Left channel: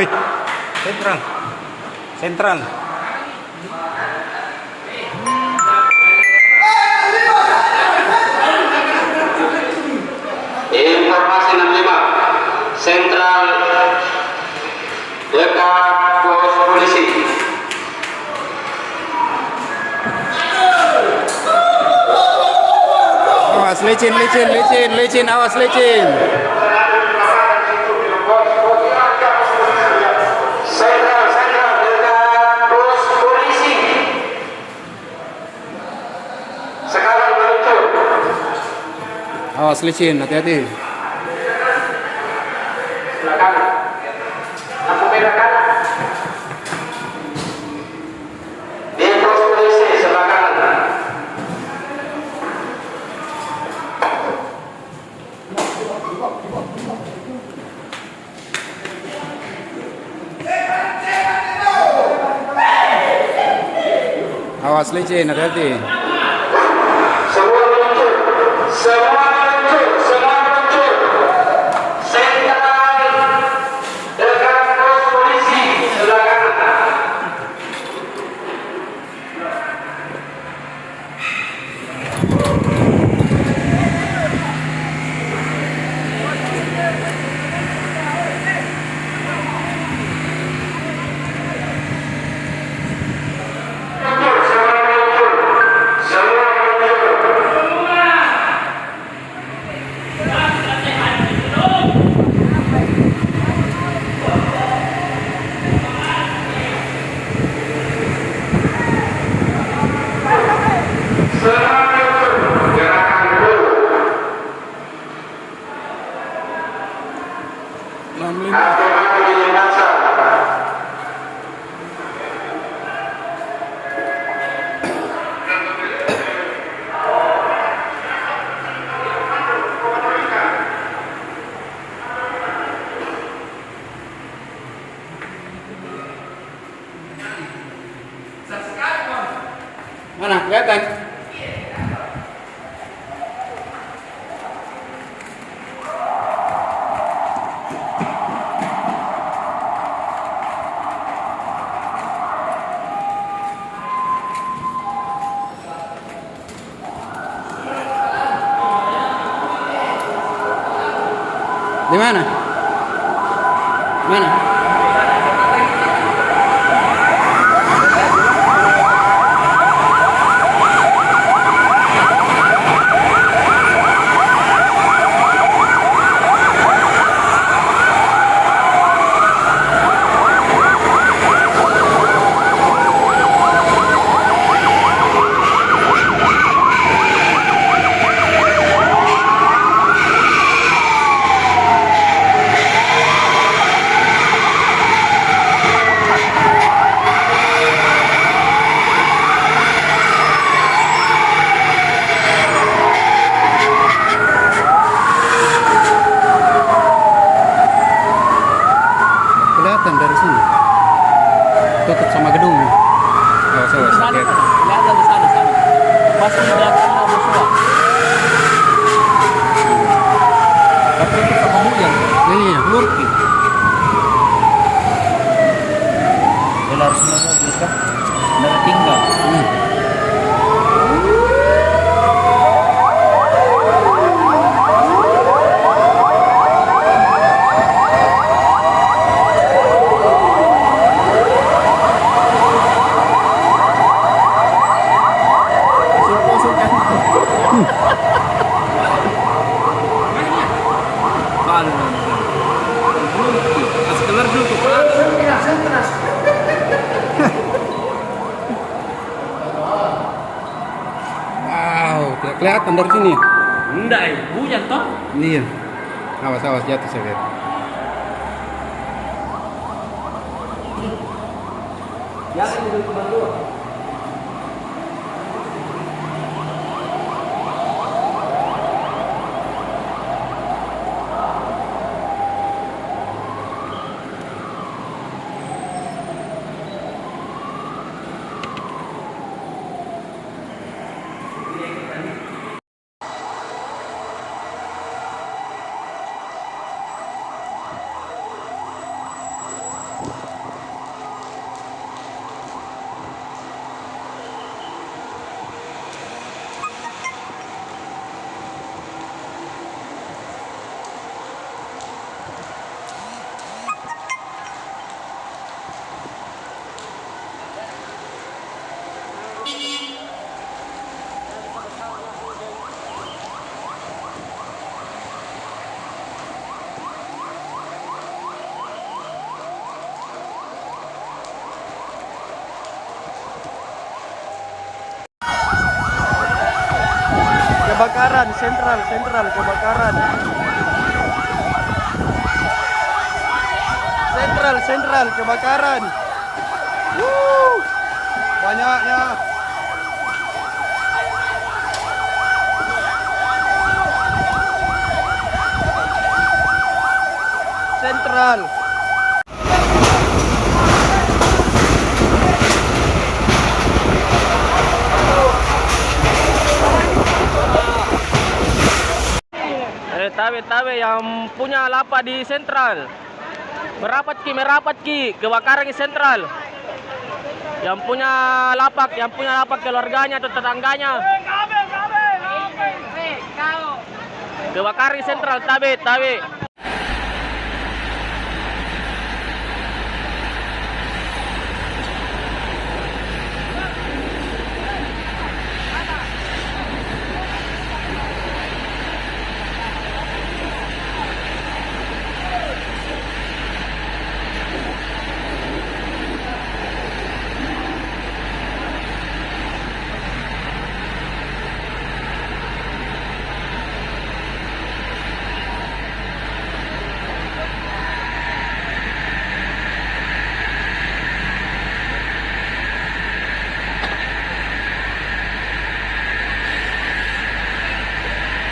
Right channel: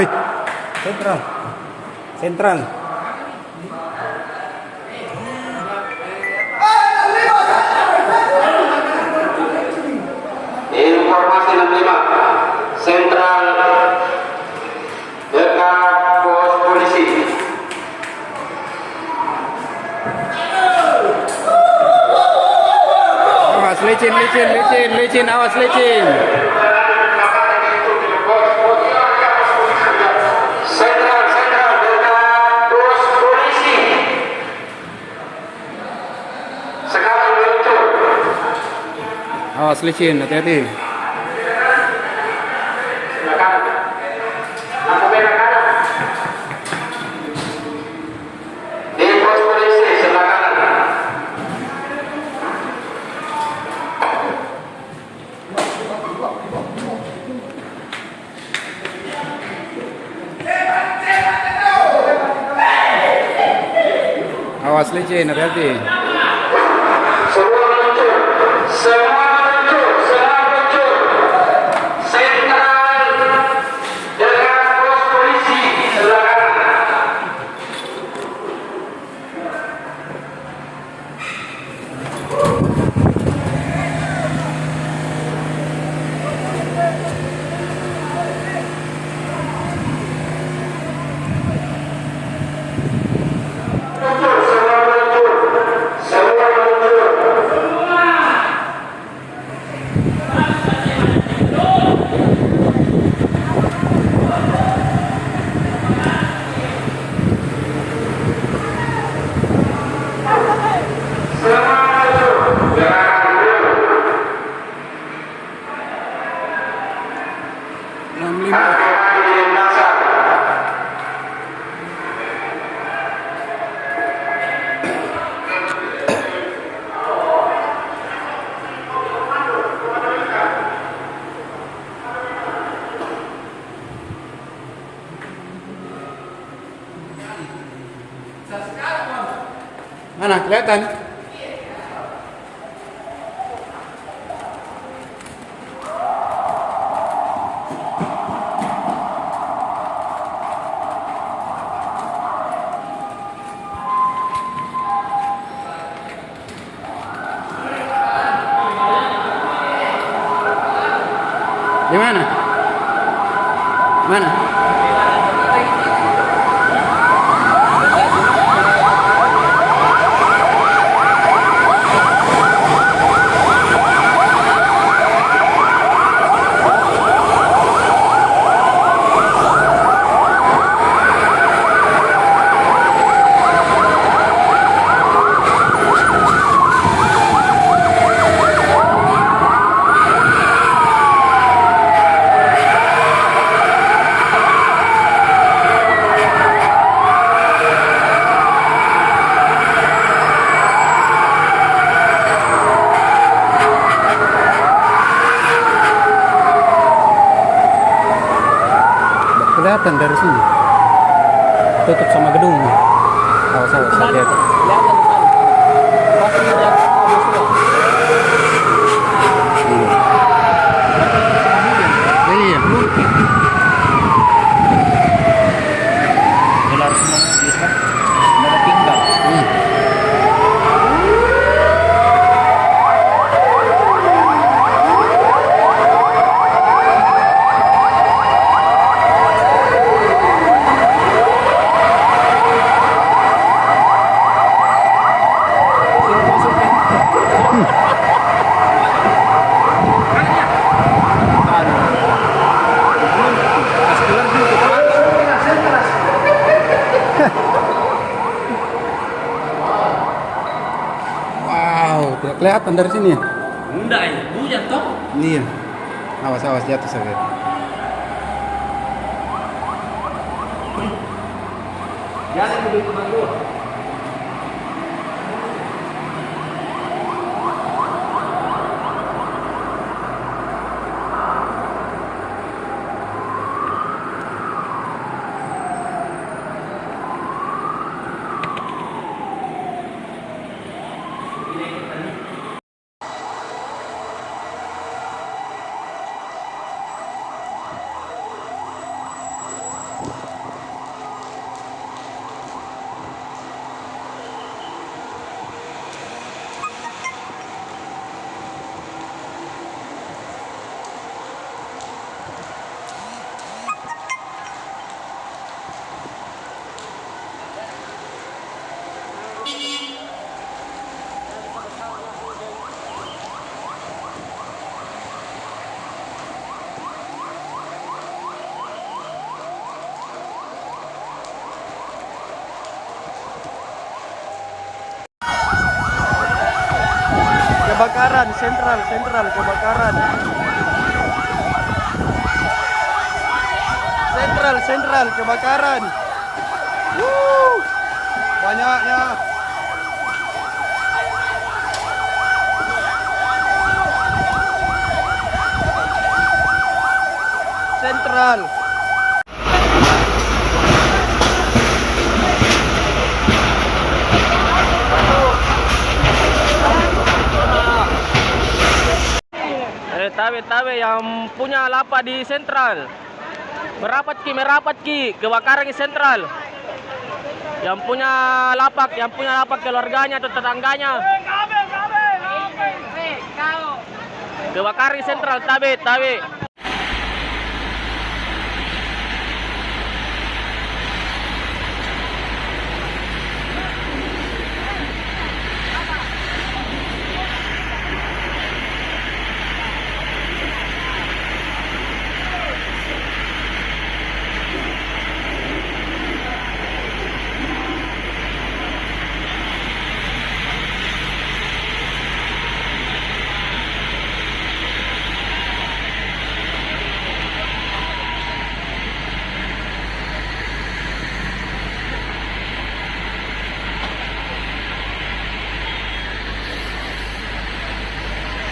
Wih, sentral. Sentral. Informasi 65 sentral dekat pos polisi. Awas licin, awas licin. Sentral dekat pos polisi. Sekarang meluncur. Awas licin, hati-hati. Di pos polisi sebelah kanan. Awas licin, hati-hati. Semua meluncur. Sentral dekat pos polisi sebelah kanan. Semua meluncur. Gerakan dulu. 65. Hati-hati di lintasan. Mana kelihatan? Di mana? Mana? Kelihatan dari sini. Tutup sama gedungnya. Awas, hati-hati. Kelihatan di sana. Masih ada Iya. belar semuanya bisa mau tinggal. Wow, tidak kelihatan dari sini. Enggak, hujan toh. Iya. Awas jatuh saya. Jangan mobil komando. kebakaran, sentral kebakaran. Sentral kebakaran. Banyaknya. Sentral. Tabe yang punya lapak di sentral. Merapat ki, kebakaran di sentral. Yang punya lapak keluarganya atau tetangganya. Kebakaran di sentral, tabe.